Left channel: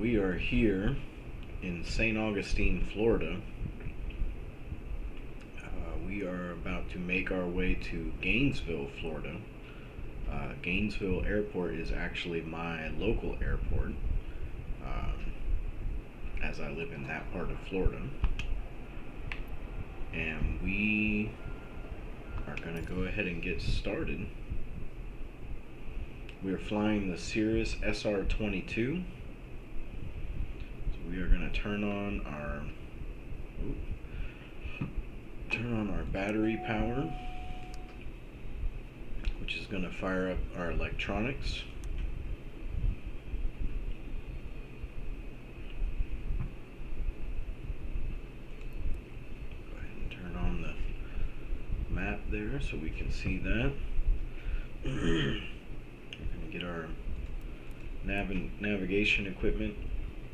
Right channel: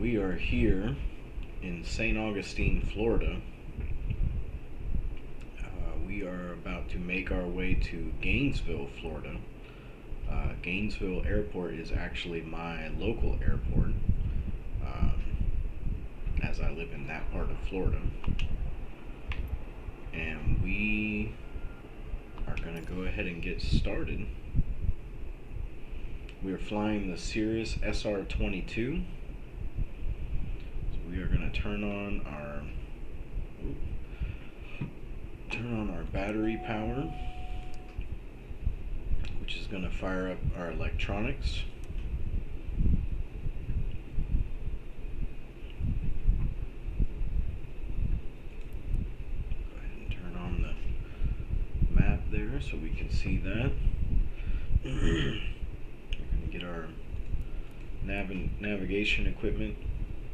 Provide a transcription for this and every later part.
We are here in St. Augustine, Florida. We are about to make our way to Gainesville, Florida. Gainesville Airport is actually my local airport, as I live in that part of Florida. And we are going to go ahead and get started. We are flying the Cirrus SR-22. So we are going to turn on our battery power, which is going to fire up our electronics. Go ahead and turn on the map there so we can see that. Get our navigation equipment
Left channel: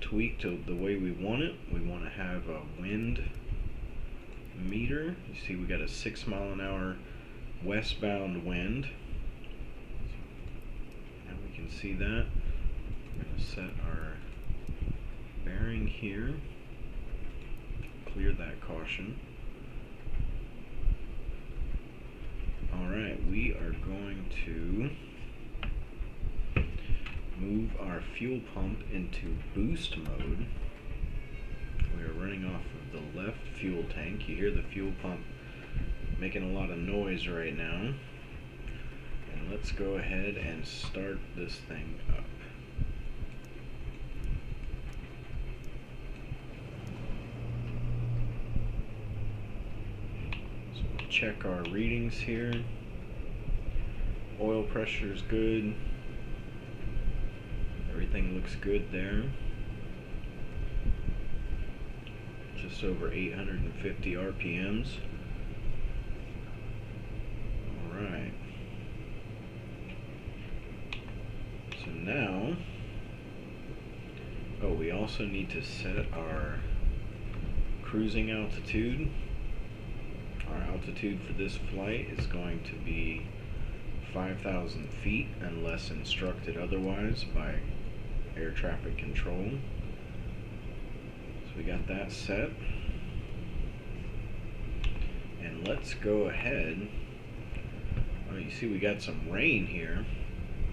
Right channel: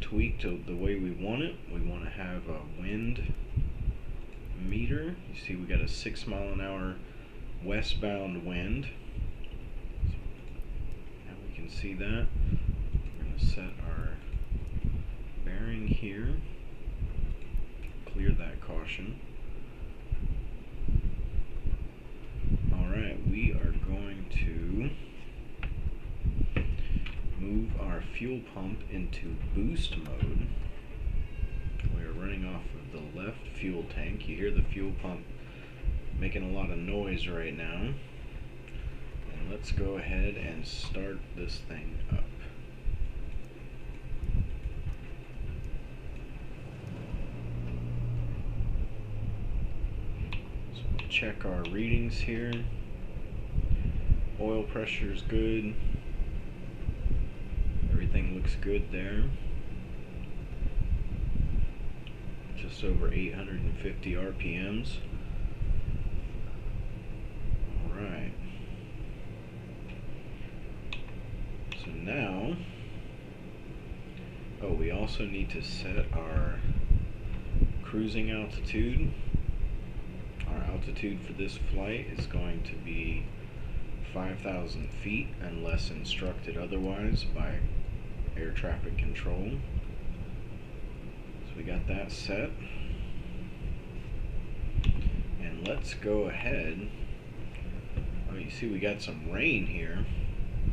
tweaked to the way we want it. We want to have a wind meter. You see we got a 6 mile an hour westbound wind. So now we can see that. We're going to set our bearing here. Clear that caution. Alright, we are going to move our fuel pump into boost mode. We are running off of the left fuel tank. You hear the fuel pump making a lot of noise right now. And let's go ahead and start this thing up. So we'll check our readings here. Oil pressure is good. Everything looks good there. Just over 850 RPMs. Alright. So now, we also need to set our cruising altitude. Our altitude for this flight is going to be 5,000 feet unless instructed otherwise by air traffic control. So we got that set. And let's go ahead. Oh, you see we got some rain here.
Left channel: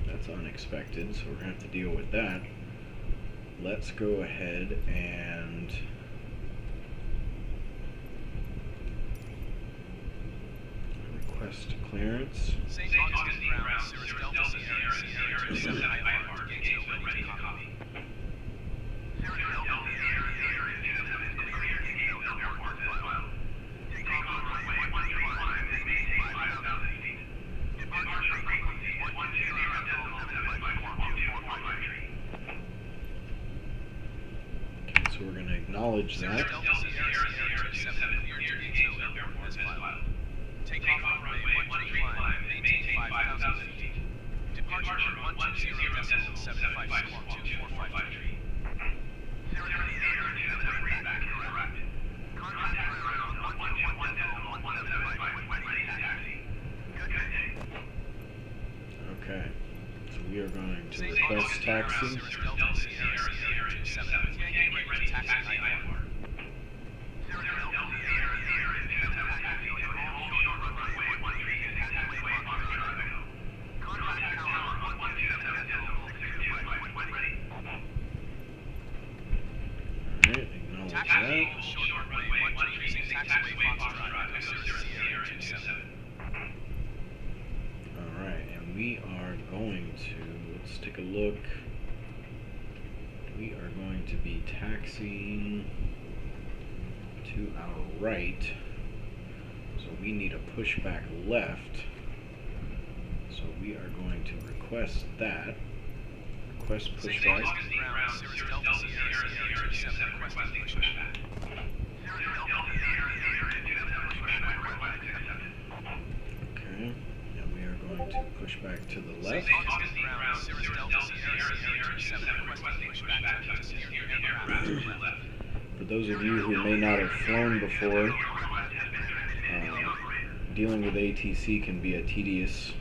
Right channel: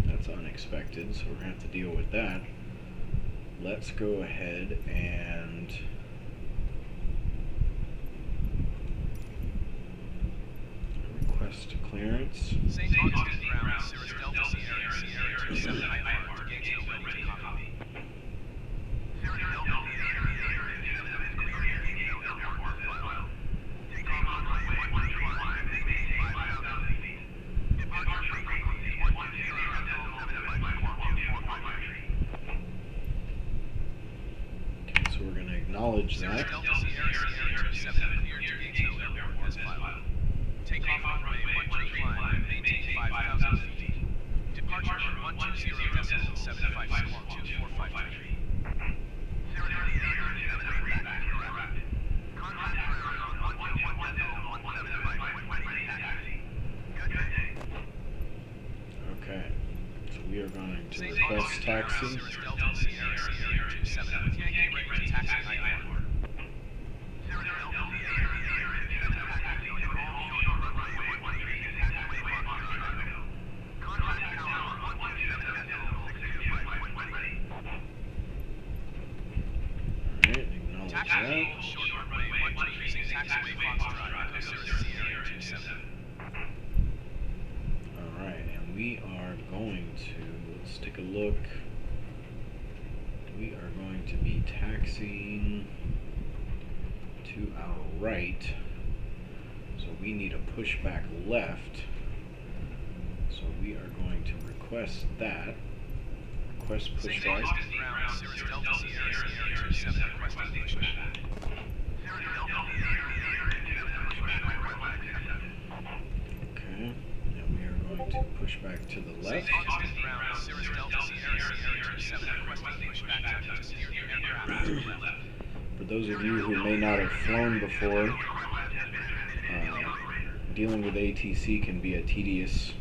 That's unexpected, so we're going to have to deal with that. Let's go ahead and request clearance. St. Augustine ground, Cirrus Delta Sierra 27 IR to Gainesville, ready to copy. Cirrus Delta Sierra 27 is clear to Gainesville Airport as well. Take off on runway 135, maintain 5,000 feet. Departure frequency is 120.754.245. Okay, so we're going to acknowledge that. Cirrus Delta Sierra 27 clear to Gainesville Airport as filed. Take off on runway 125 and maintain 5,000 feet. Departure 120.754.245. Cirrus Sierra 27 back correct. Contact Cirrus on 121.175 taxi. Good day. Okay, so we are going to request taxi. Cirrus Delta Sierra 27 with Yankee ready to taxi IR. Cirrus Delta Sierra 27 taxi to all short runway 136 taxiway Foxtrot. Contact tower on 127.625 when ready. Alright, acknowledge Taxi that. short runway 1 using taxiway Foxtrot, Echo Cirrus Sierra 27. Alright, and we are going to, let's take a look. We are going to be taxiing to our right. So we need a pushback left. So we are going to request that. Request St. pushback. Augustine ground, Cirrus Delta Sierra 27 requesting pushback. Cirrus Delta Sierra 27 pushback request accepted. Okay, and we are going to push back to the left. St. Augustine ground, Cirrus Delta Sierra 27 requesting pushback to steer your aircraft to the left. For those of you who may not have flown before, dealing with ATC can be a tedious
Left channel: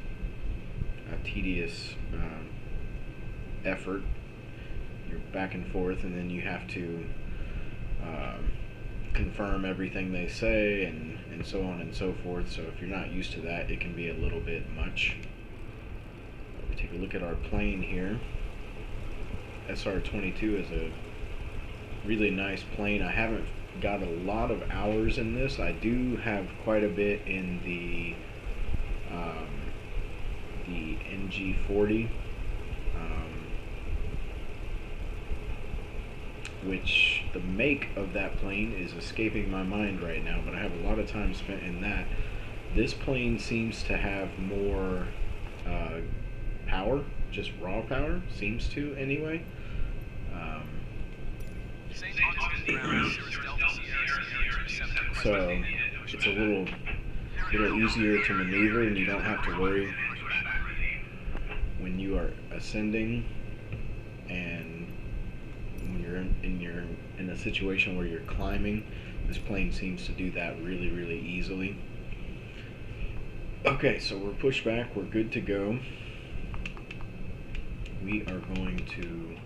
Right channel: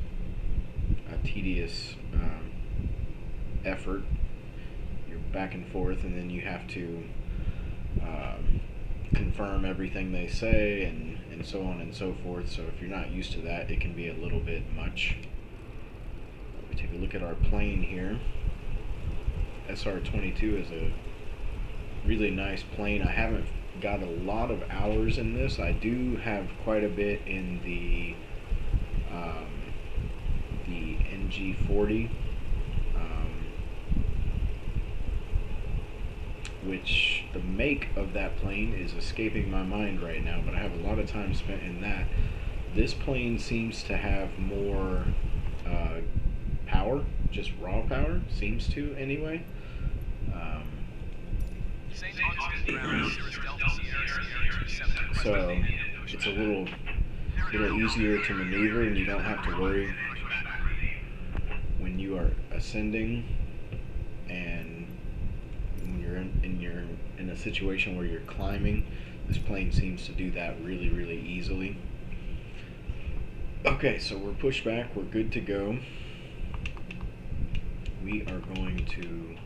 effort. you're back and forth, and then you have to confirm everything they say, and so on and so forth. So if you're not used to that, it can be a little bit much. We take a look at our plane here. SR-22 is a really nice plane. I haven't got a lot of hours in this. I do have quite a bit in the NG40, which the make of that plane is escaping my mind right now, but I have a lot of time spent in that. This plane seems to have more power, just raw power, seems to anyway. St Augustine ground, Cirrus SR-22. So it's a little easier to maneuver, and you don't have to worry when you are ascending, and when you're in a situation where you're climbing. This plane seems to do that really easily. Okay, so we're pushed back, we're good to go. We are going to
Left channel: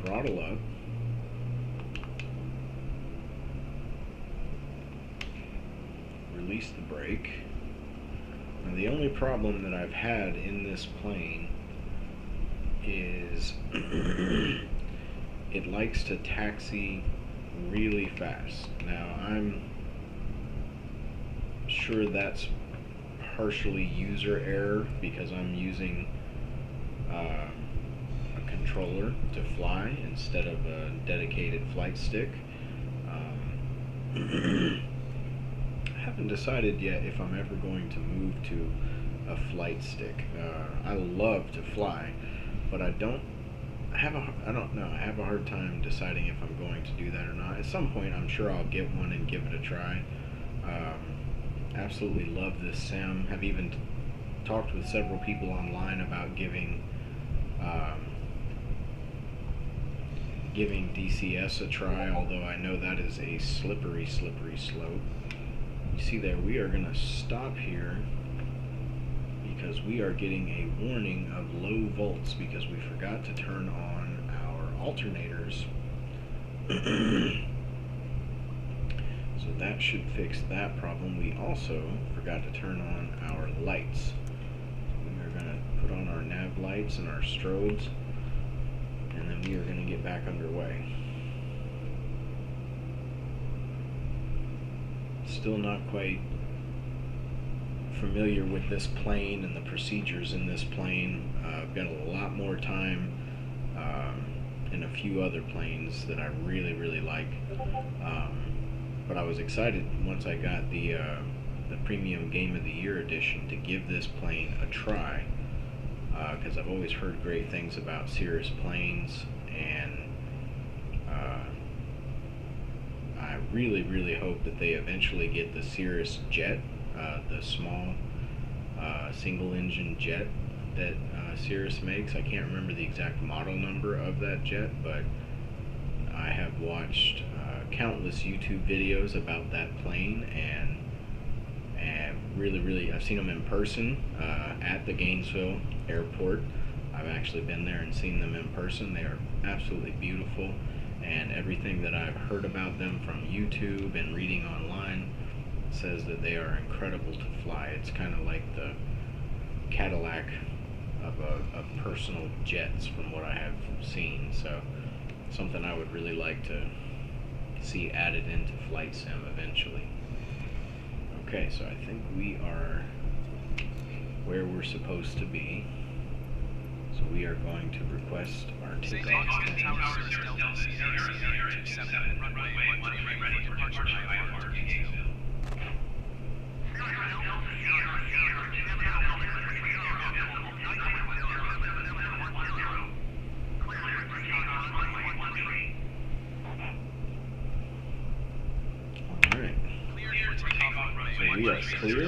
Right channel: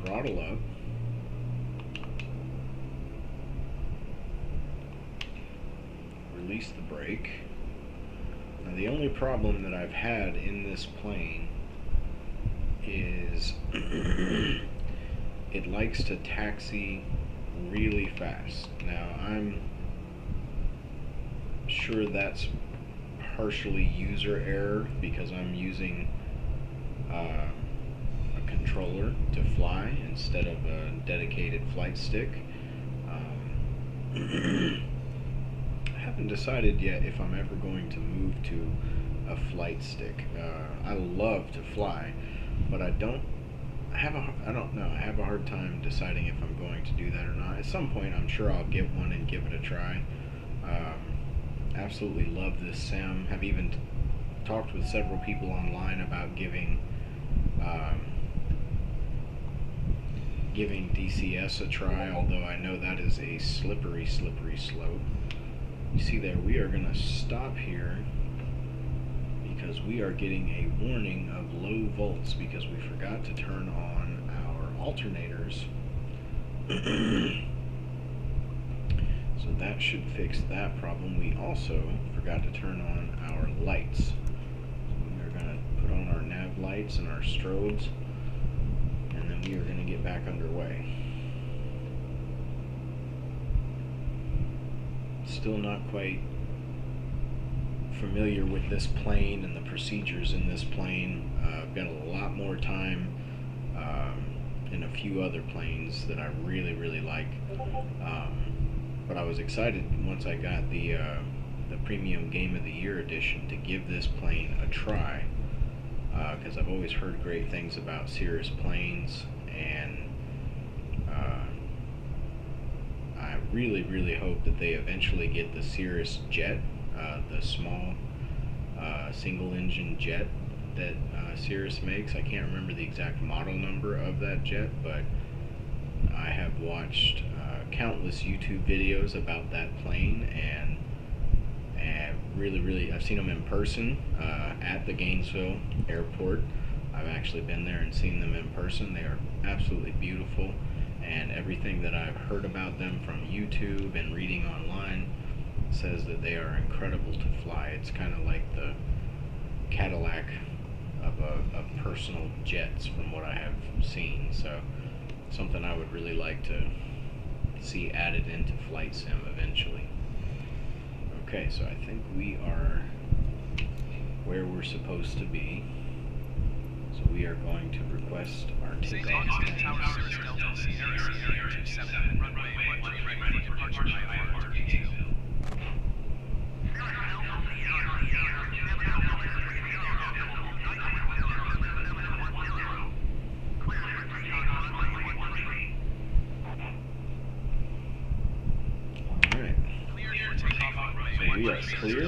throttle up. Release the brake. Now the only problem that I've had in this plane is it likes to taxi really fast. Now I'm sure that's partially user error because I'm using a controller to fly instead of a dedicated flight stick. I haven't decided yet if I'm ever going to move to a flight stick. I love to fly, but I don't know. I have a hard time deciding if I'm going to do that or not. At some point, I'm sure I'll get one and give it a try. Absolutely love this sim. Have even talked with several people online about giving DCS a try, although I know that is a slippery slope. You see there, we are going to stop here because we are getting a warning of low volts because we forgot to turn on our alternators. So that should fix that problem. We also forgot to turn on our lights. So we are going to put on our nav lights and our strobes, and then we are going to get back underway. Still not quite familiar with this plane and the procedures in this plane. I've got a lot more time in a few other planes that I really like. But I was excited once I got the Premium Game of the Year edition to give this plane a try, because I've always heard great things about Cirrus planes, and I really hope that they eventually get the Cirrus jet, the small single engine jet that Cirrus makes. I can't remember the exact model number of that jet, but I have watched countless YouTube videos about that plane, and really I've seen them in person at the Gainesville airport. I've actually been there and seen them in person. They are absolutely beautiful, and everything that I've heard about them from YouTube and reading online says that they are incredible to fly. It's kind of like the Cadillac of personal jets from what I have seen. So something I would really like to see added into Flight Sim eventually. Okay, so I think we are where we're supposed to be. So we are going to request our St. takeoff. Augustine Tower, Cirrus Delta, Sierra 27, runway 13 ready for departure IFR to Gainesville. Alright, so we are clear.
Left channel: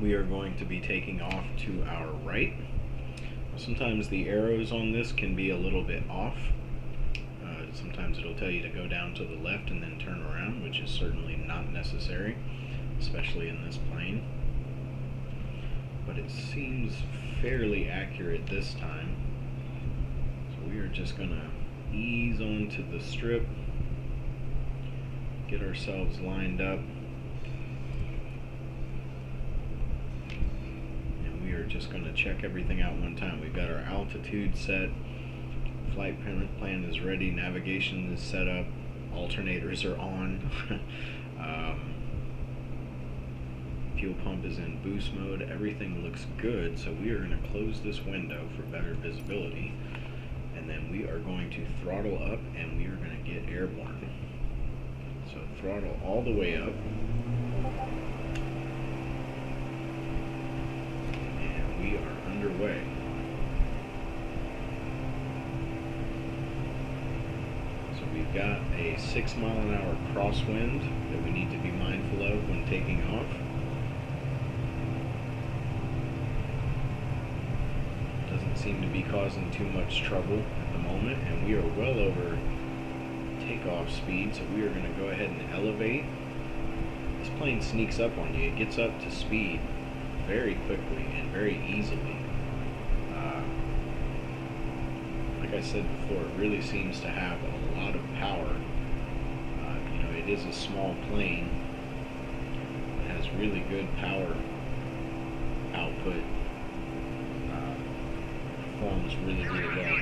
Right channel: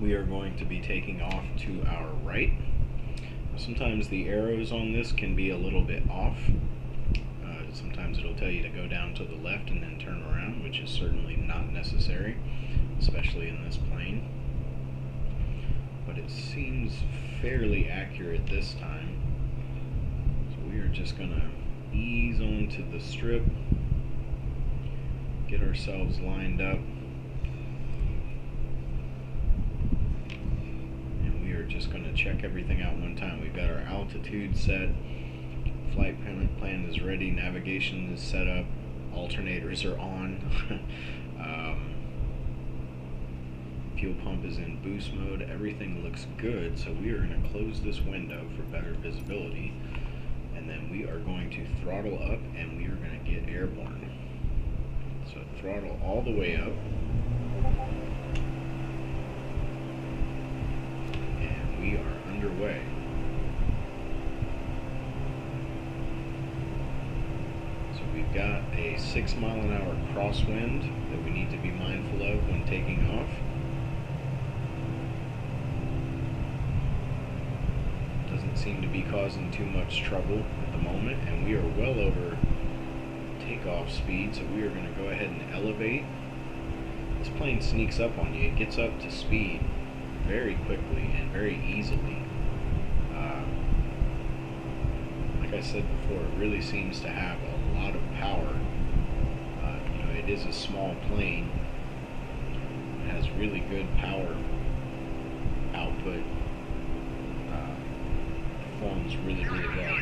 We are going to be taking off to our right. Sometimes the arrows on this can be a little bit off. Sometimes it'll tell you to go down to the left and then turn around, which is certainly not necessary, especially in this plane. but it seems fairly accurate this time. So we are just gonna ease onto the strip, get ourselves lined up, and we are just gonna check everything out one time. We've got our altitude set, flight plan is ready, navigation is set up, alternators are on. Fuel pump is in boost mode. Everything looks good, so we are going to close this window for better visibility, and then we are going to throttle up and we are going to get airborne. So throttle all the way up, and we are underway. So we've got a 6 mile an hour crosswind that we need to be mindful of when taking off. Doesn't seem to be causing too much trouble at the moment, and we are well over takeoff speed, so we are going to go ahead and elevate. This plane sneaks up on you. It gets up to speed very quickly and very easily. Like I said before, it really seems to have a lot of power. It is a small plane. It has really good power output. Performs really, really well.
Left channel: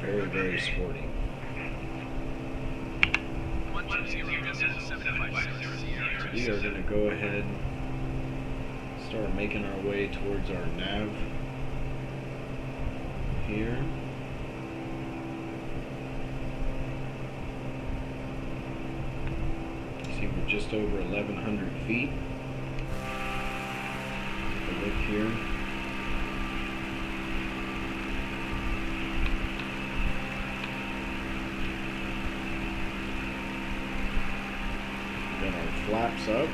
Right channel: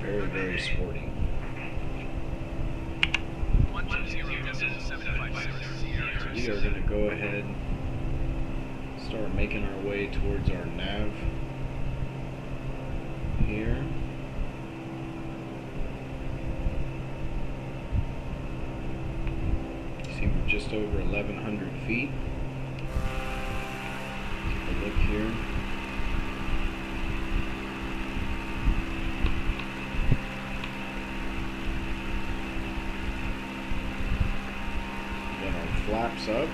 Very, very sporty. So we are going to go ahead, start making our way towards our nav here. You see, we're just over 1,100 feet. Look here. We got our flaps up.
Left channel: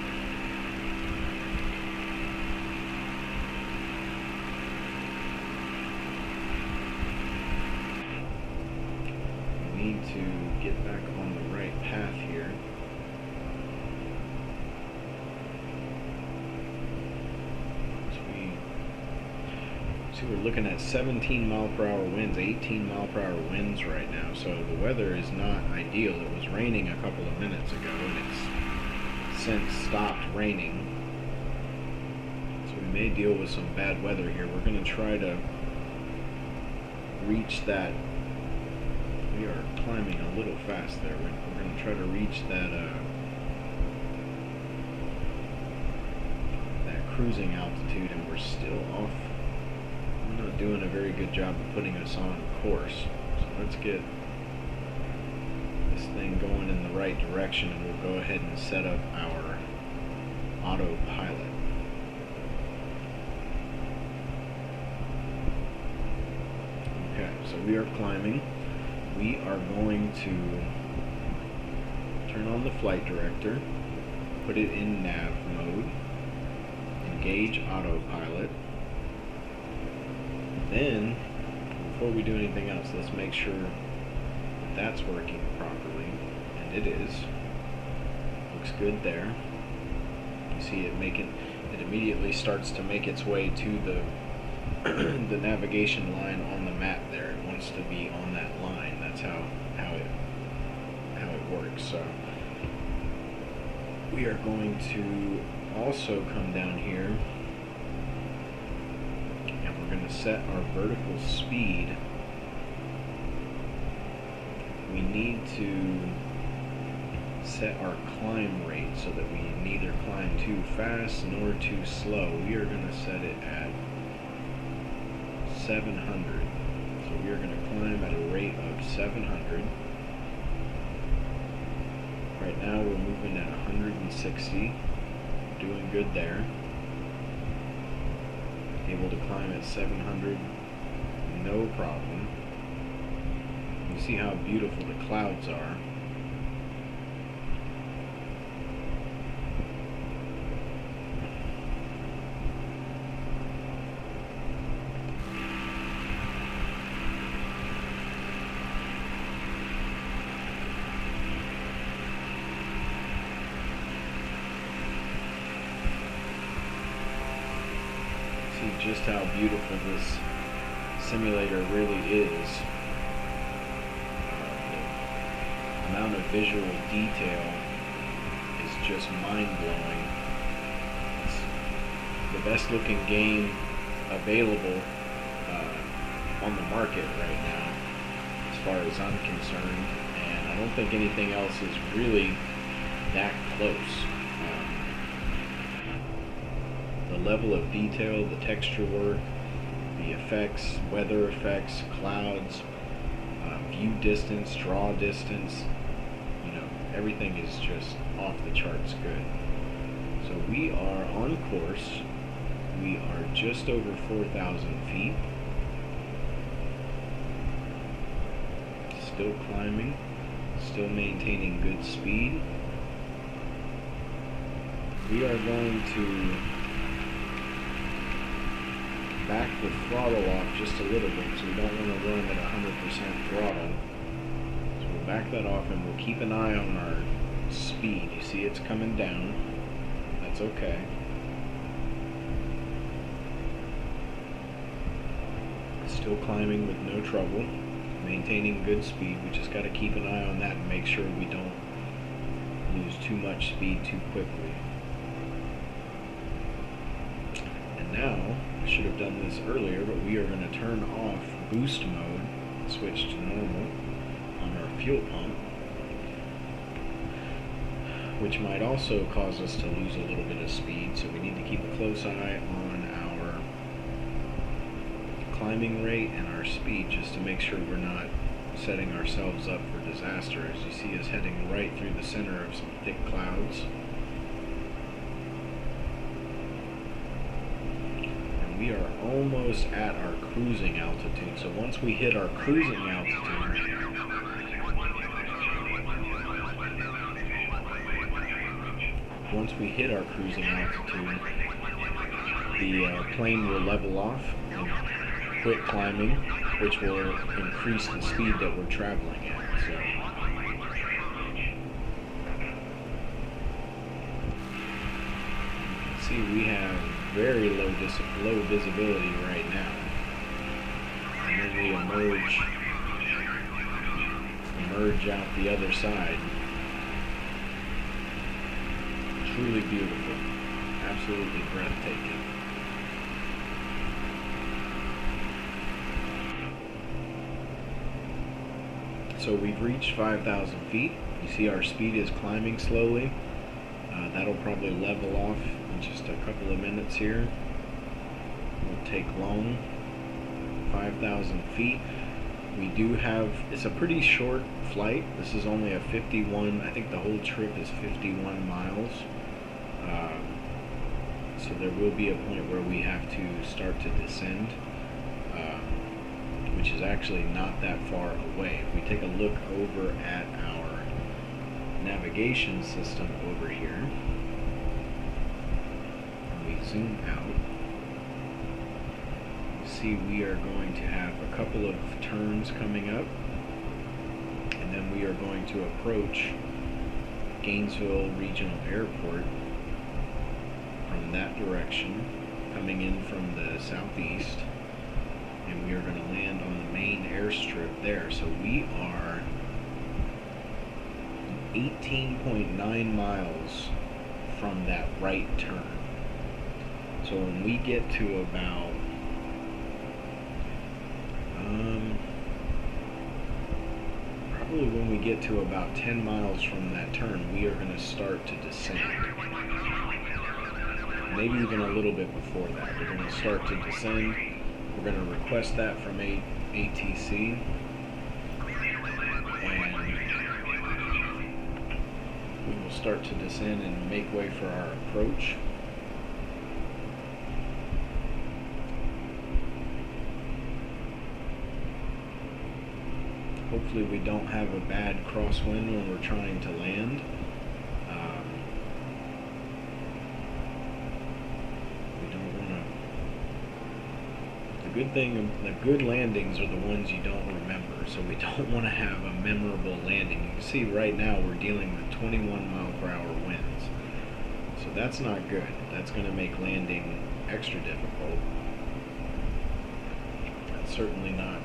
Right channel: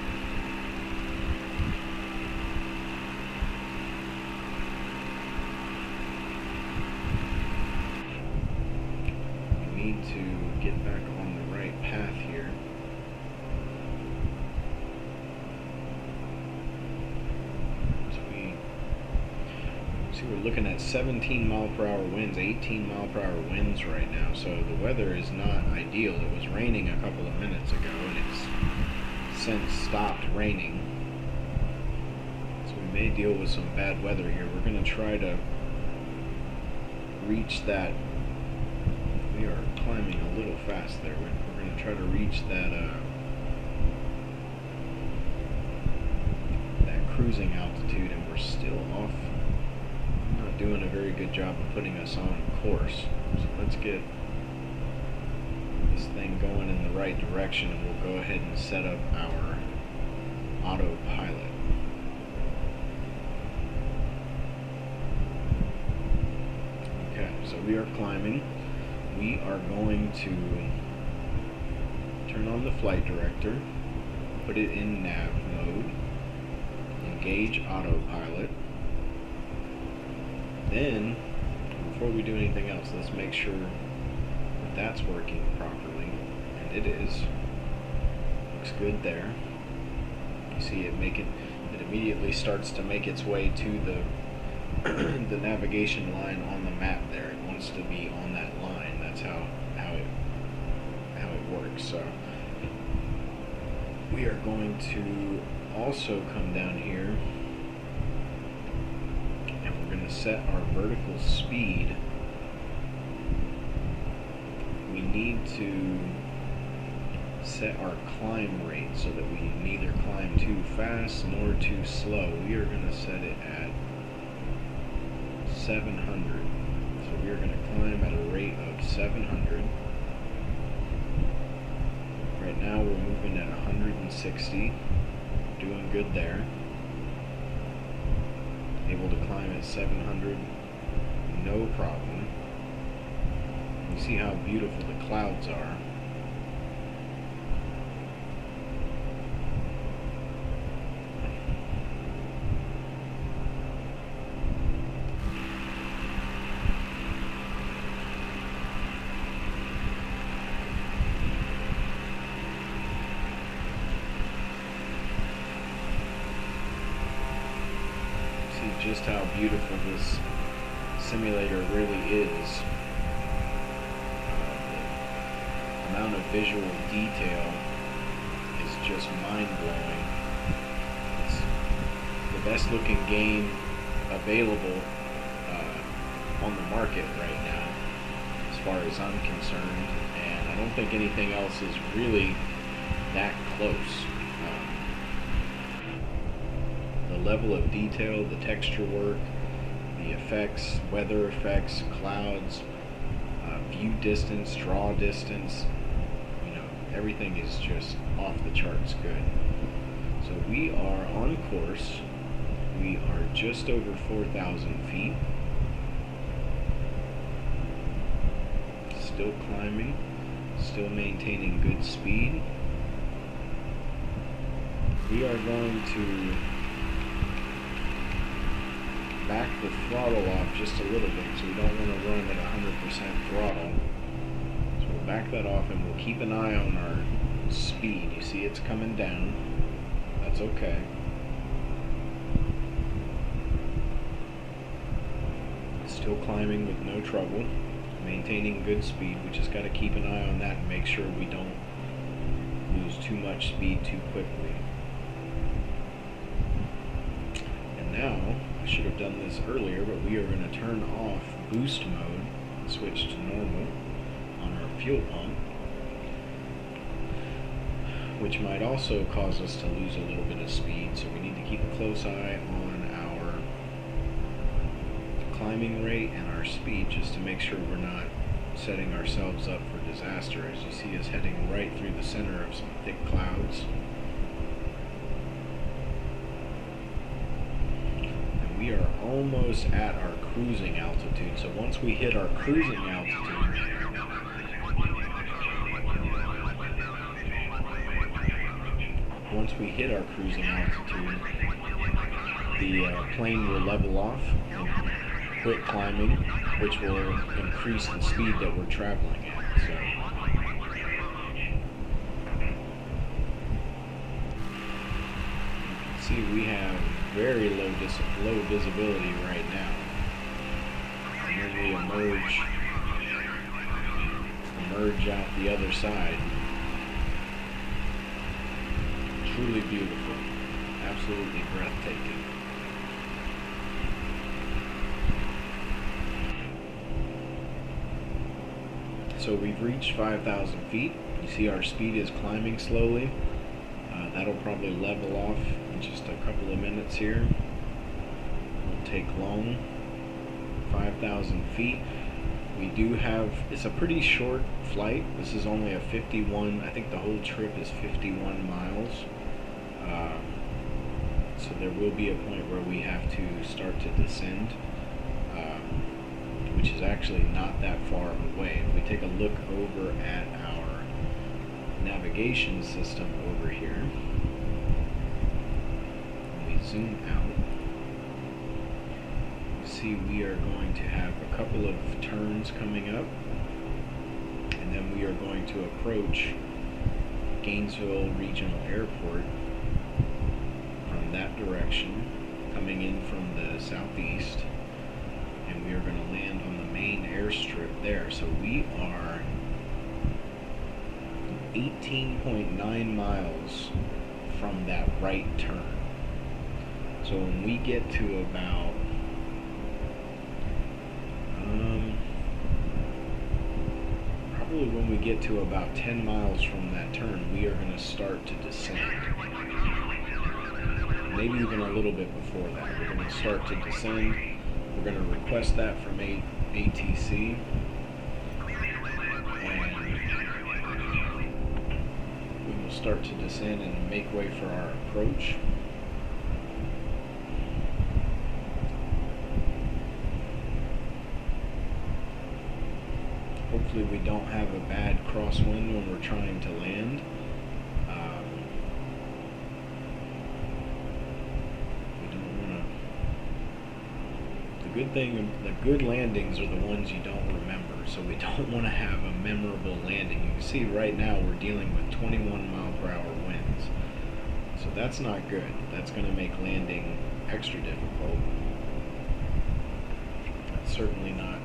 We need to get back on the right path here. We're looking at 17 mile per hour winds, 18 mile per hour winds right now, so the weather is not ideal. It was raining a couple of minutes ago and it's since stopped raining, so we may deal with some bad weather here. We're going to try to reach that. We are climbing a little fast there. We're going to try to reach that that cruising altitude, and we're still off. Not doing a very good job of putting us on course. So let's get this thing going in the right direction, and we'll go ahead and set up our autopilot. Okay, so we are climbing. We are going to turn on the flight director, put it in nav mode, engage autopilot. Then, before we do anything else, let's make sure that that's working properly, and it is. Looks good there. You see it immediately starts to make its way to the navigation line on the map there. It wants to be on that line. That's how it works. So we are going to also come down here, we're going to set our vertical speed. We need to set our climb rate so that we neither climb too fast nor too slow. We are going to set it at 700. So we are going to climb at a rate of 700. Right now we're moving at 160. Doing good there. Able to climb at 700, no problem. You see how beautiful the clouds are. just how beautiful this simulator really is. The amount of visual detail is just mind-blowing. It's the best looking game available on the market right now, as far as I'm concerned, and I don't think anything else is really that close. The level of detail, the texture work, the effects, weather effects, clouds, view distance, draw distance, everything is just off the charts good. So we are on course. We are just over 4,000 feet. Still climbing, still maintaining good speed. We are going to back the throttle off just a little bit, so we don't want to run at 100% throttle. So we'll back that off and we'll keep an eye on our speed. You see it's coming down. That's okay. Still climbing with no trouble. Maintaining good speed. We just got to keep an eye on that and make sure we don't lose too much speed too quickly. And now, I should have done this earlier, but we are going to turn off boost mode, switch to normal on our fuel pump, which might also cause us to lose a little bit of speed, so we need to keep a close eye on our climbing rate and our speed just to make sure we're not setting ourselves up for disaster. As you see us heading right through the center of some thick clouds. And we are almost at our cruising altitude. So once we hit our cruising altitude, the plane will level off and quit climbing, which will increase the speed that we're traveling at. So you can see we have very low visibility right now, and then we emerge out the other side. Truly beautiful, absolutely breathtaking. So we've reached 5,000 feet. You see our speed is climbing slowly. That'll probably level off in just a couple of minutes here. Won't take long. 5,000 feet. We do have, it's a pretty short flight. This is only a 51, I think the whole trip is 51 miles. So there will be a point where we have to start to descend, which is actually not that far away. If we take a look over at our navigation system over here, and we zoom out, you see we are going to have a couple of turns coming up, and then we are going to approach Gainesville Regional Airport from that direction, coming in from the southeast, and we are going to land on the main airstrip there. So we are 18.9 miles from that right turn. So when we get to about probably when we get to about 10 miles from that turn, we are going to start to descend. Maybe even a little bit before that. We're going to start to descend. We're going to request that from ATC, and we will start to descend and make way for our approach. Hopefully we don't have a bad crosswind when we're trying to land. The good landings are the ones you don't remember, so we don't want to have a memorable landing. You can see right now we're dealing with 21 mile per hour winds, so that's not good. That's going to make landing extra difficult. certainly not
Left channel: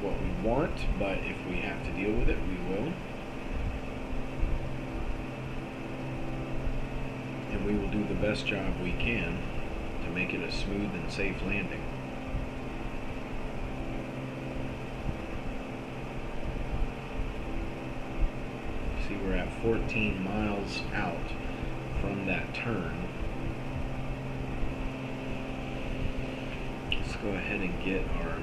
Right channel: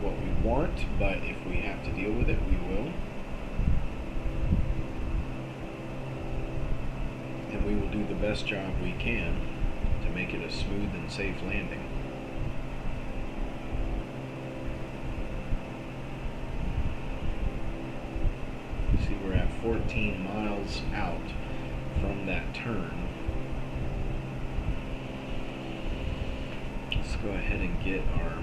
what we want, but if we have to deal with it, we will. And we will do the best job we can to make it a smooth and safe landing. See, we're at 14 miles out from that turn. Let's go ahead and get our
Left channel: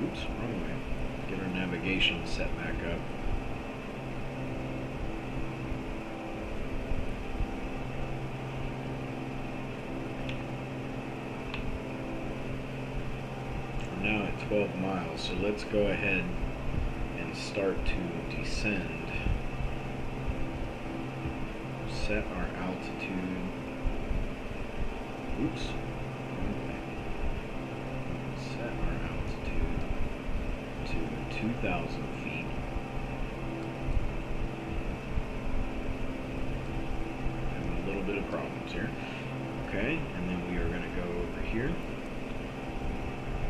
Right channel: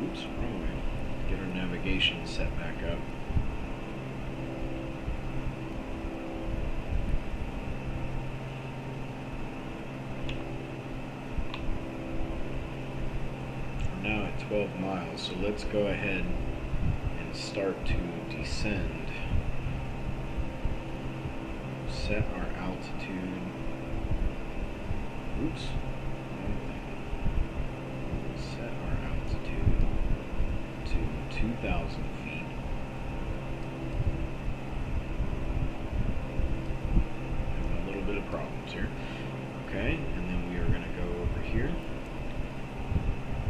oops, wrong way. Get our navigation set back up. We're now at 12 miles, so let's go ahead and start to descend. Set our altitude. Oops, wrong thing. Set our altitude to 2,000 feet. Having a little bit of problems here. Okay, and then we are going to go over here,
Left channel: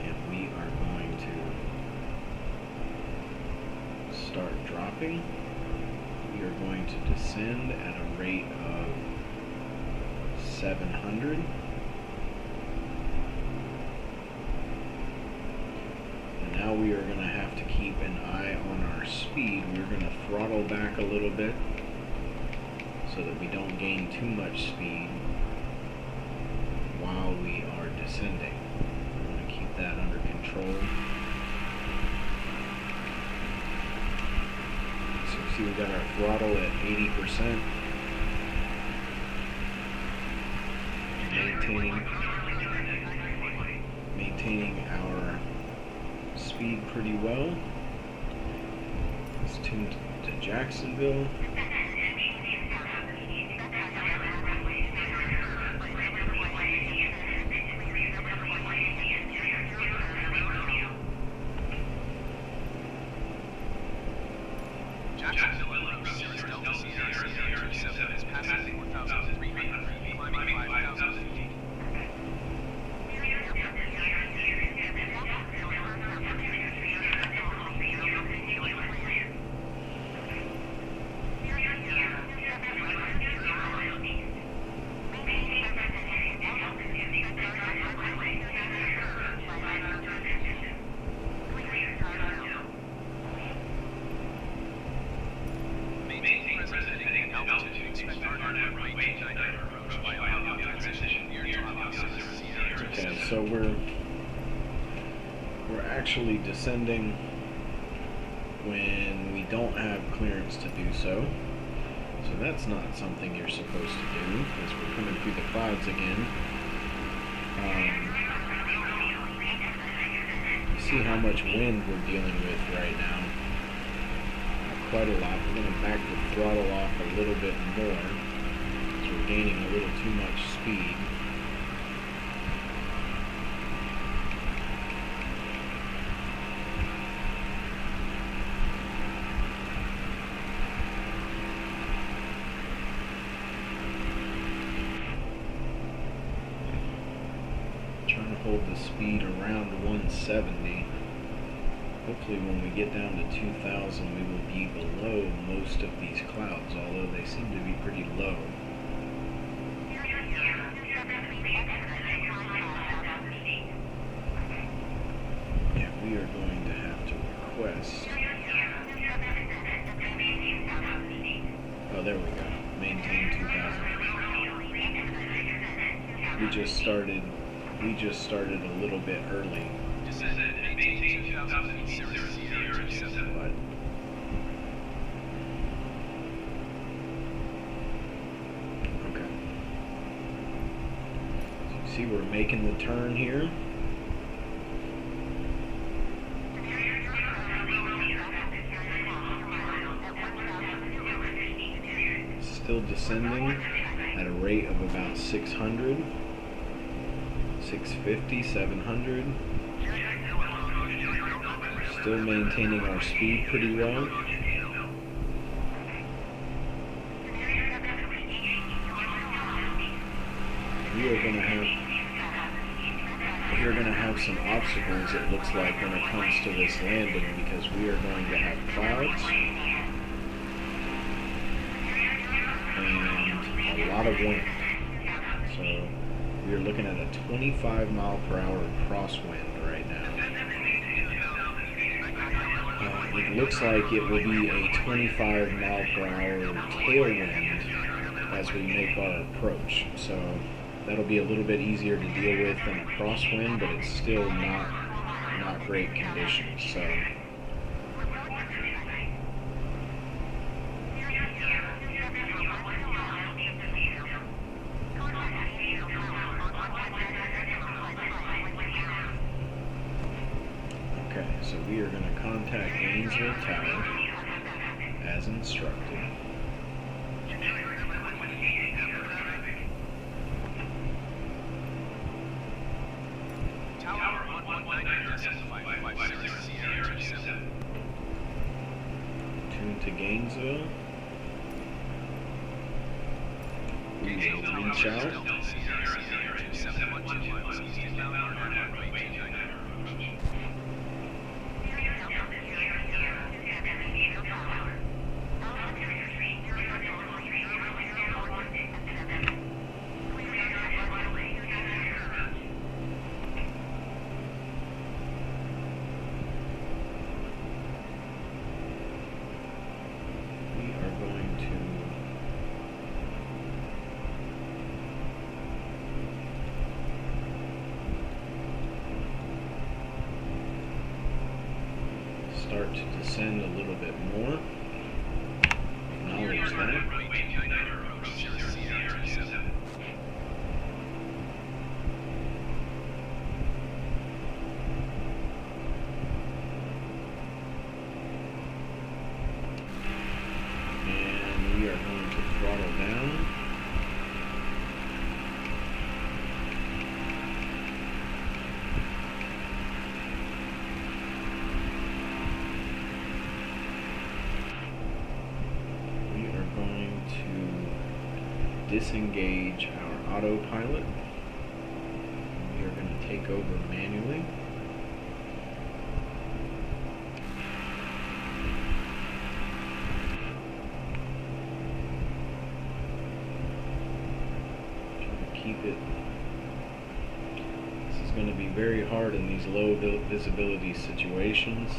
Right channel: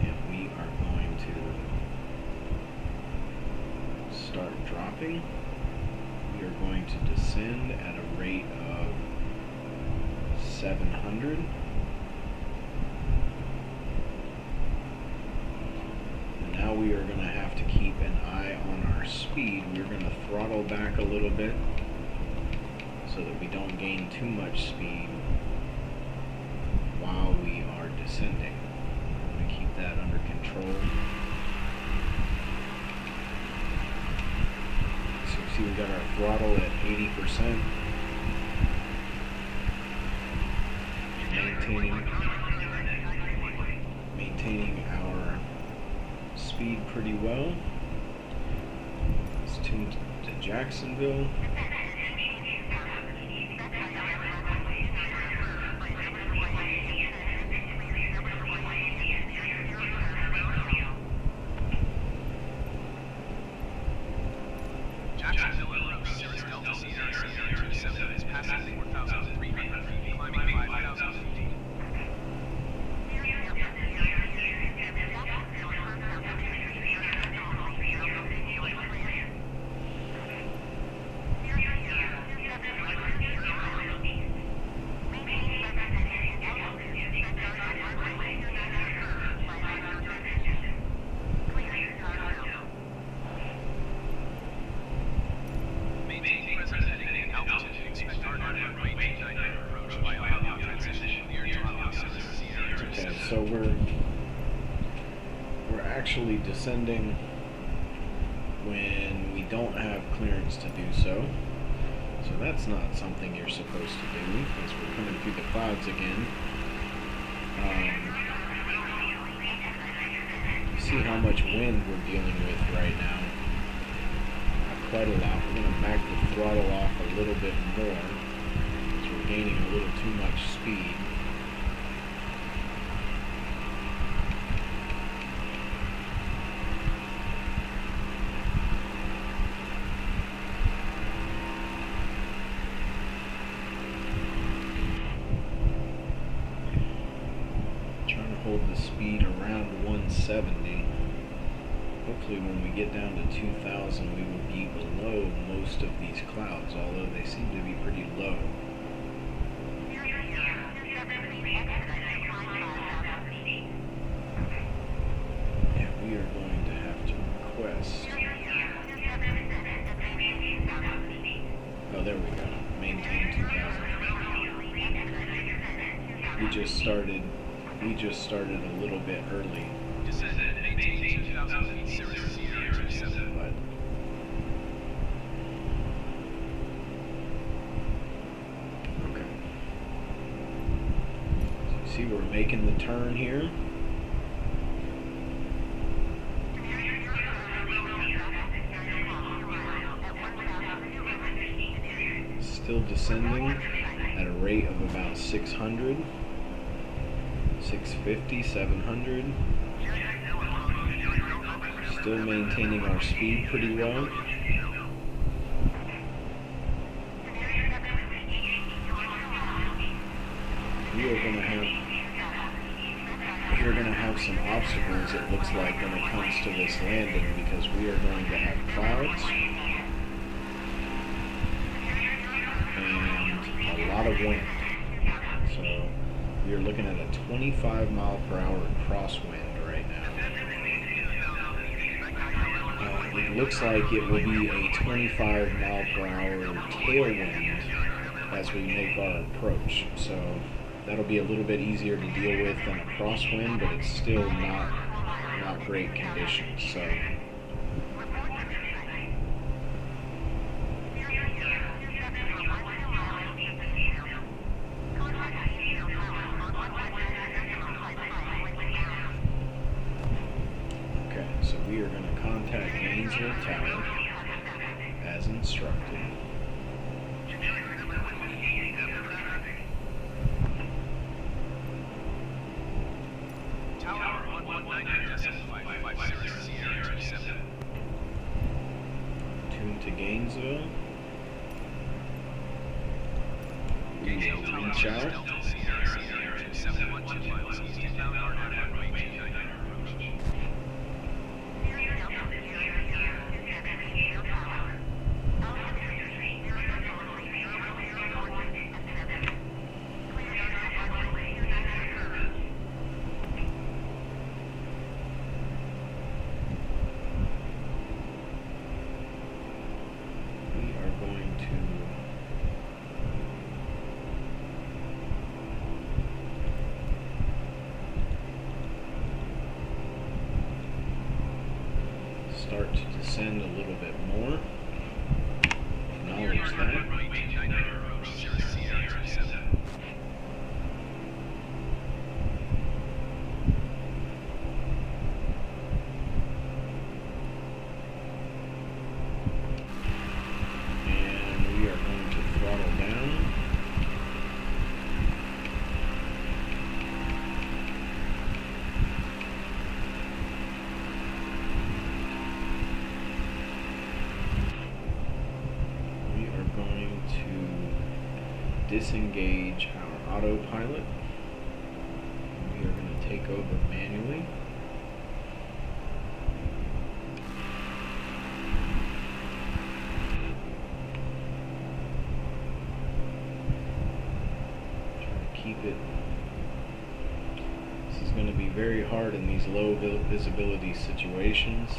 and we are going to start dropping. We are going to descend at a rate of 700. And now we are going to have to keep an eye on our speed. We're going to throttle back a little bit so that we don't gain too much speed while we are descending. We're going to keep that under control. So you see we got our throttle at 80%. Maintaining our speed pretty well. Let's tune to Jacksonville. Jacksonville en route, Cirrus SR-22 is passing 4,300 feet, climbing 5,000 feet. Okay, so we're actually descending when we don't have clearance to do so. So that's not something you're supposed to do, because we're coming through the clouds again. You see how much wind we're dealing with right now. Quite a lot. We're going to back the throttle off a little bit more, because we're gaining a little too much speed. Trying to hold the speed around 170. Hopefully when we get down to 2,000 we will be below most of these clouds, although they seem to be pretty low. Yeah, we are going to have to request. Oh, there we go. Maintain 2,000 feet. We just started a little bit early. Descend and maintain 2,000 feet, Cirrus SR-22. But okay. So you see we're making the turn here. Still descending at a rate of about 600, 650, 700. Still maintaining our speed pretty well. We are going to have to you're going to have some obstacles, it looks like, when it comes to this landing, because we are going to have clouds and a lot of wind. So we are looking at a 25 mile per hour crosswind right now. It looks like it will be a 25 mile per hour tailwind as we make our approach. So that'll be a little bit easier to deal with than a crosswind, but it's still not great conditions. So okay, so we are going to contact Gainesville Tower as instructed. Tower 119.550 Cirrus SR-22. Tune to Gainesville. We will reach out. Delta Sierra SR-27 2 miles east inbound on runway 29 approach. We are going to start to descend a little bit more. Acknowledge that. Runway 29 approach Cirrus SR-27. And we are going to throttle down. We are going to disengage our autopilot. We are going to take over manually. Keep it. This is going to be very hard in these low visibility situations.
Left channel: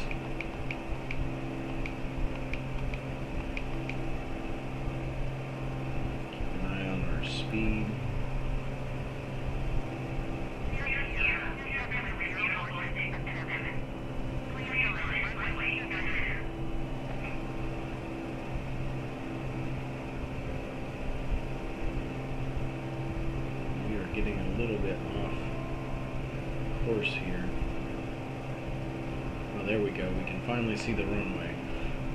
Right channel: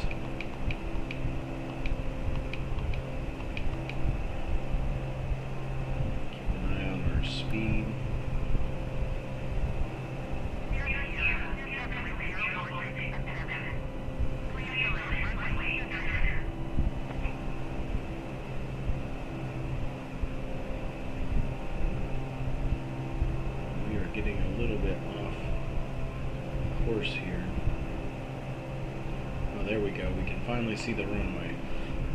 Keep an eye on our speed. Getting a little bit off course here. Oh, there we go. We can finally see the runway.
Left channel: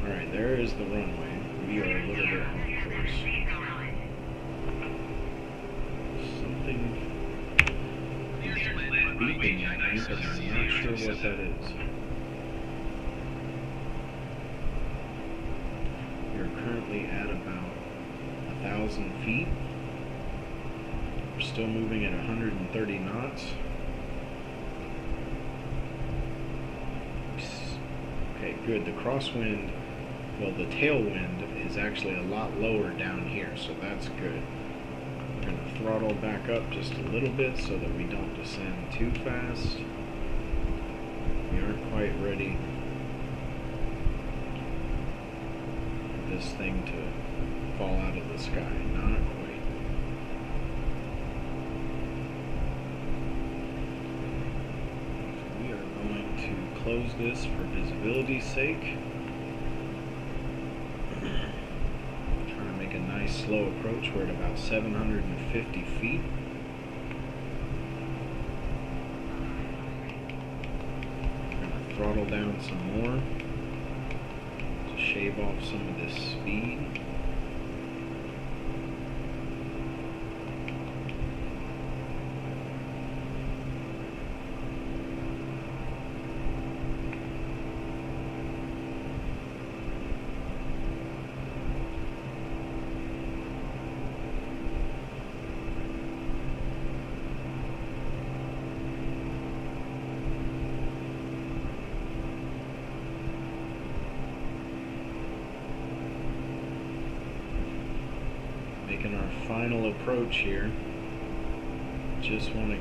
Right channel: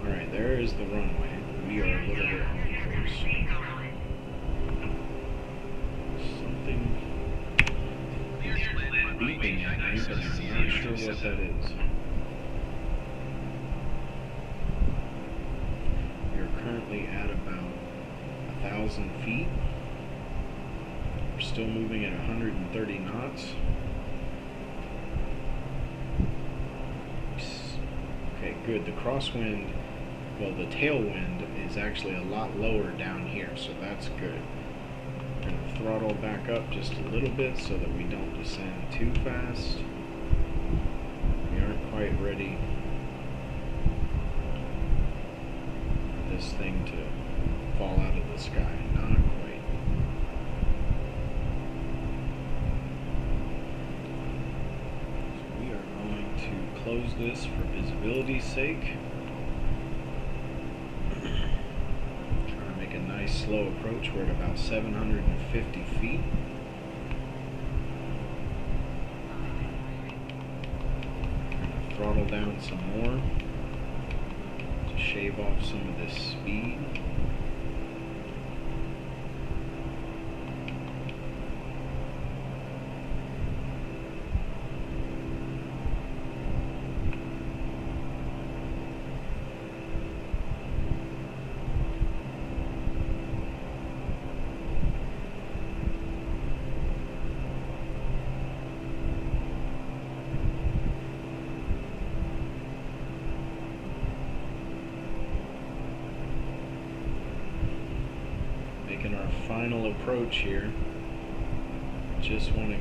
Alright, there is the runway. We are a little bit off course. Something beeping at me, but I'm not sure what that is. We are currently at about 1,000 feet. We're still moving at 130 knots. Okay, good. The crosswind, well, the tailwind is actually a lot lower down here, so that's good. We're going to throttle back up just a little bit so that we don't descend too fast. We aren't quite ready for this thing to fall out of the sky. Not quite. To close this for visibility's sake. Trying to make a nice slow approach. We're at about 750 feet. We're going to throttle down some more to shave off some of this speed. Making our final approach here. Just want a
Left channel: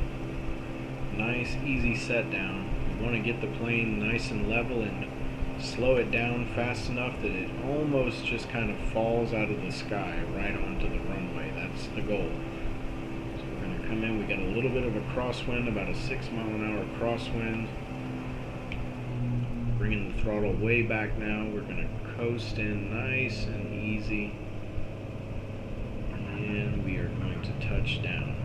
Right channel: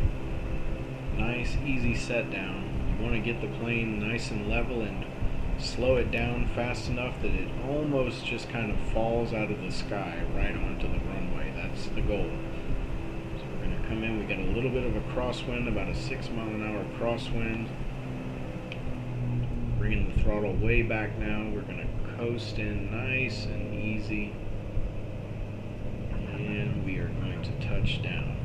nice easy set down. You want to get the plane nice and level and slow it down fast enough that it almost just kind of falls out of the sky right onto the runway. That's the goal. So we're going to come in. We got a little bit of a crosswind, about a 6 mile an hour crosswind. Bringing the throttle way back now. We're going to coast in nice and easy. And we are going to touch down.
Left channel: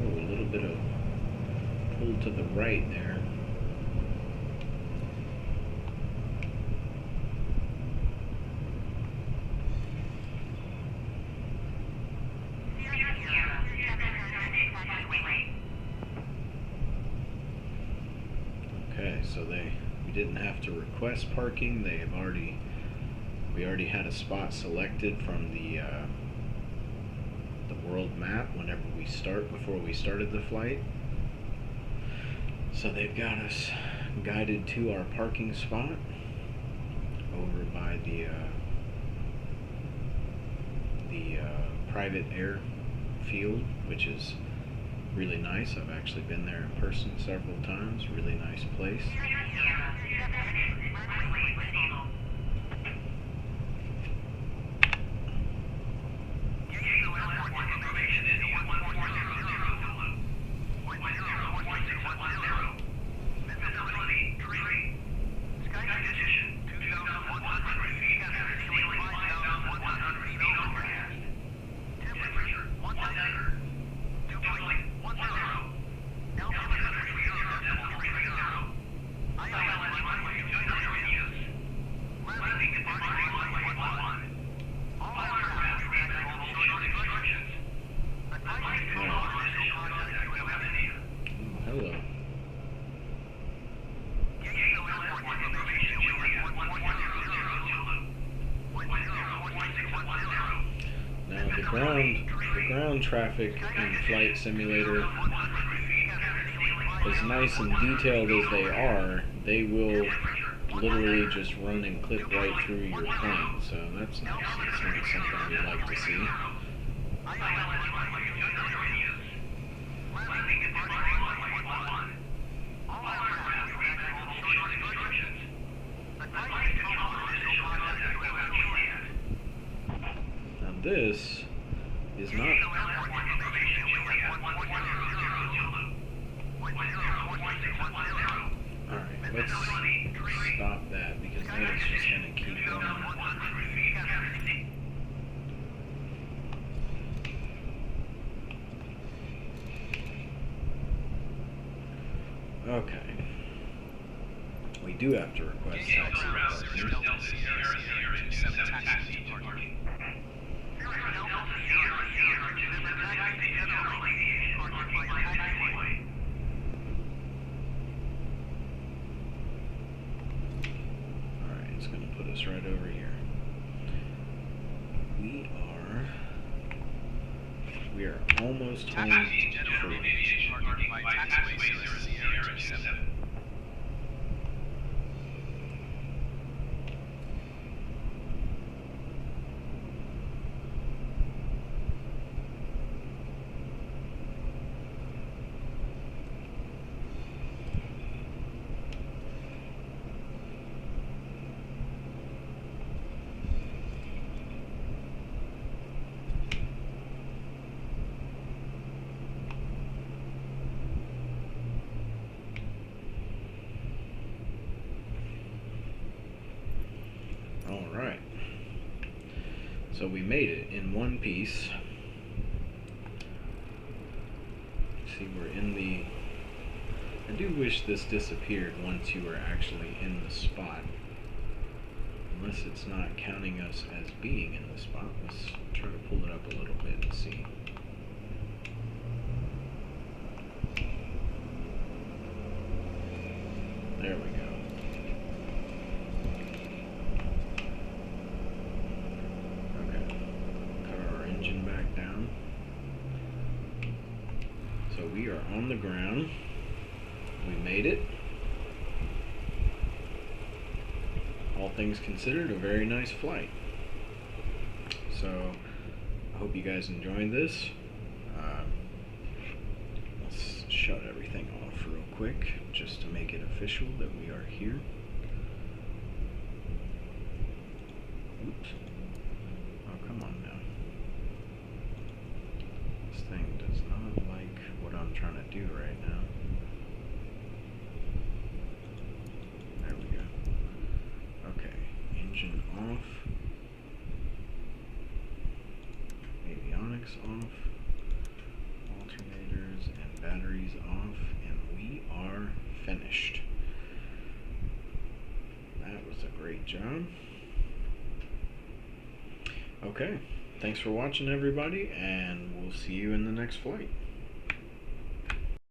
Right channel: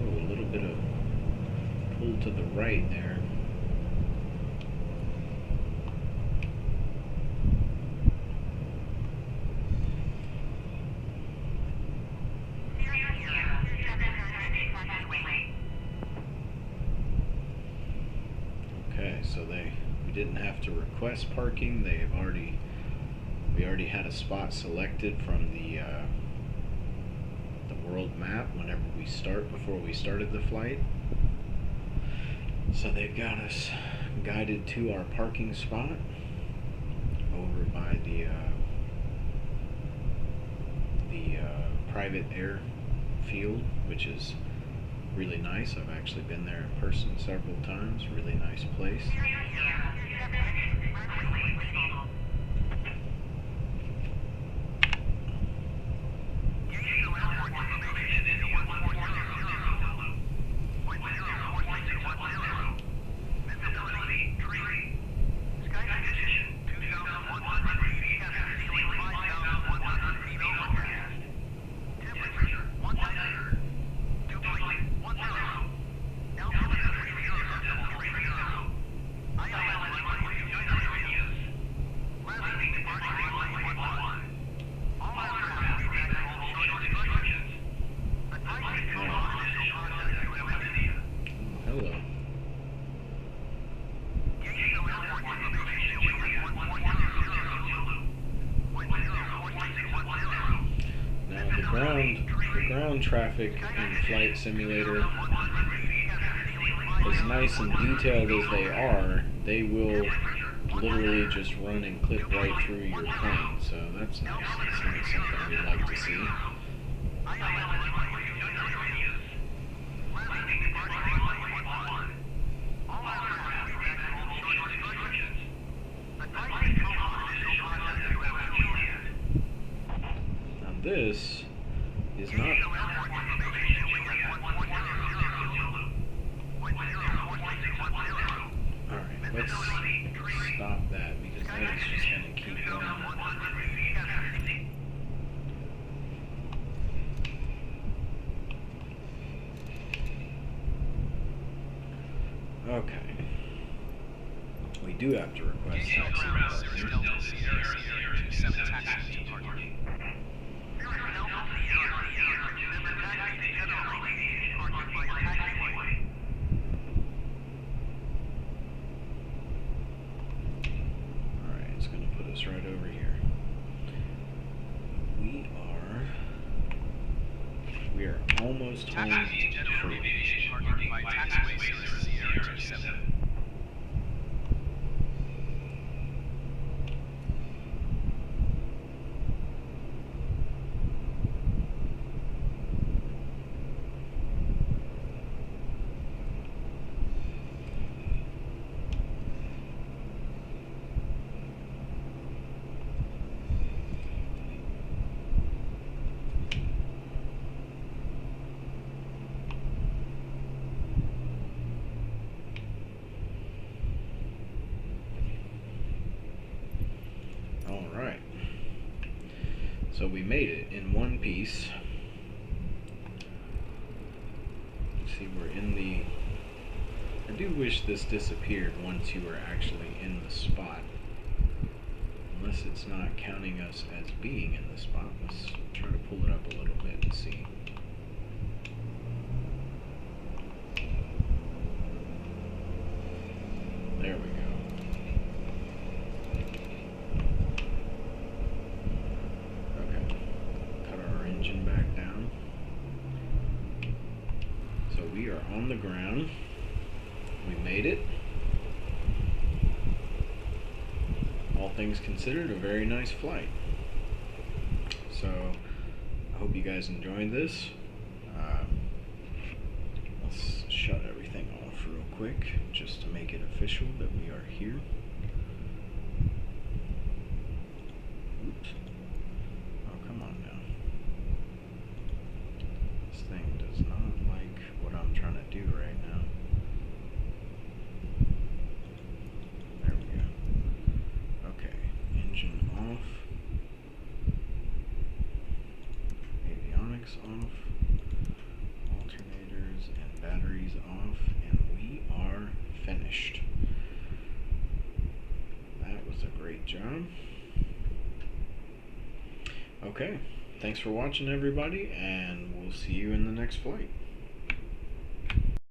Oh, a little bit of pull to the right there. Okay, so we didn't have to request parking. We already had a spot selected from the world map before we started the flight. So they've got us guided to our parking spot over by the private airfield, which is really nice. I've actually been there in person several times. Really nice place. The ground traffic in Flight Simulator, as nice and detailed as they will literally just run and clip right through your plane. So that's nice. That's not something we'd like to see. Now this is not... Alright, let's stop that because that is just going to keep going. Okay. We do have to request taxi parking. Alright, it's going to put us right over here. We are almost home free. Alright, so we made it in one piece. See, we're in the... I do wish this disappeared once you were actually in the spot. Unless it's not counting us as being in the spot. Let's try to pull it up a little bit and see. There we go. Back down. So we are on the ground. We made it. All things considered, a very nice flight. So I hope you guys enjoyed this. Let's shut everything off real quick just to make it official that we are here. Oops. Oh, come on now. This thing does not like what I'm trying to do right now. There we go. Okay, engine off. Avionics off. Alternators and batteries off. And we are finished. That was a great job. Okay, thanks for watching everybody, and we'll see you in the next flight.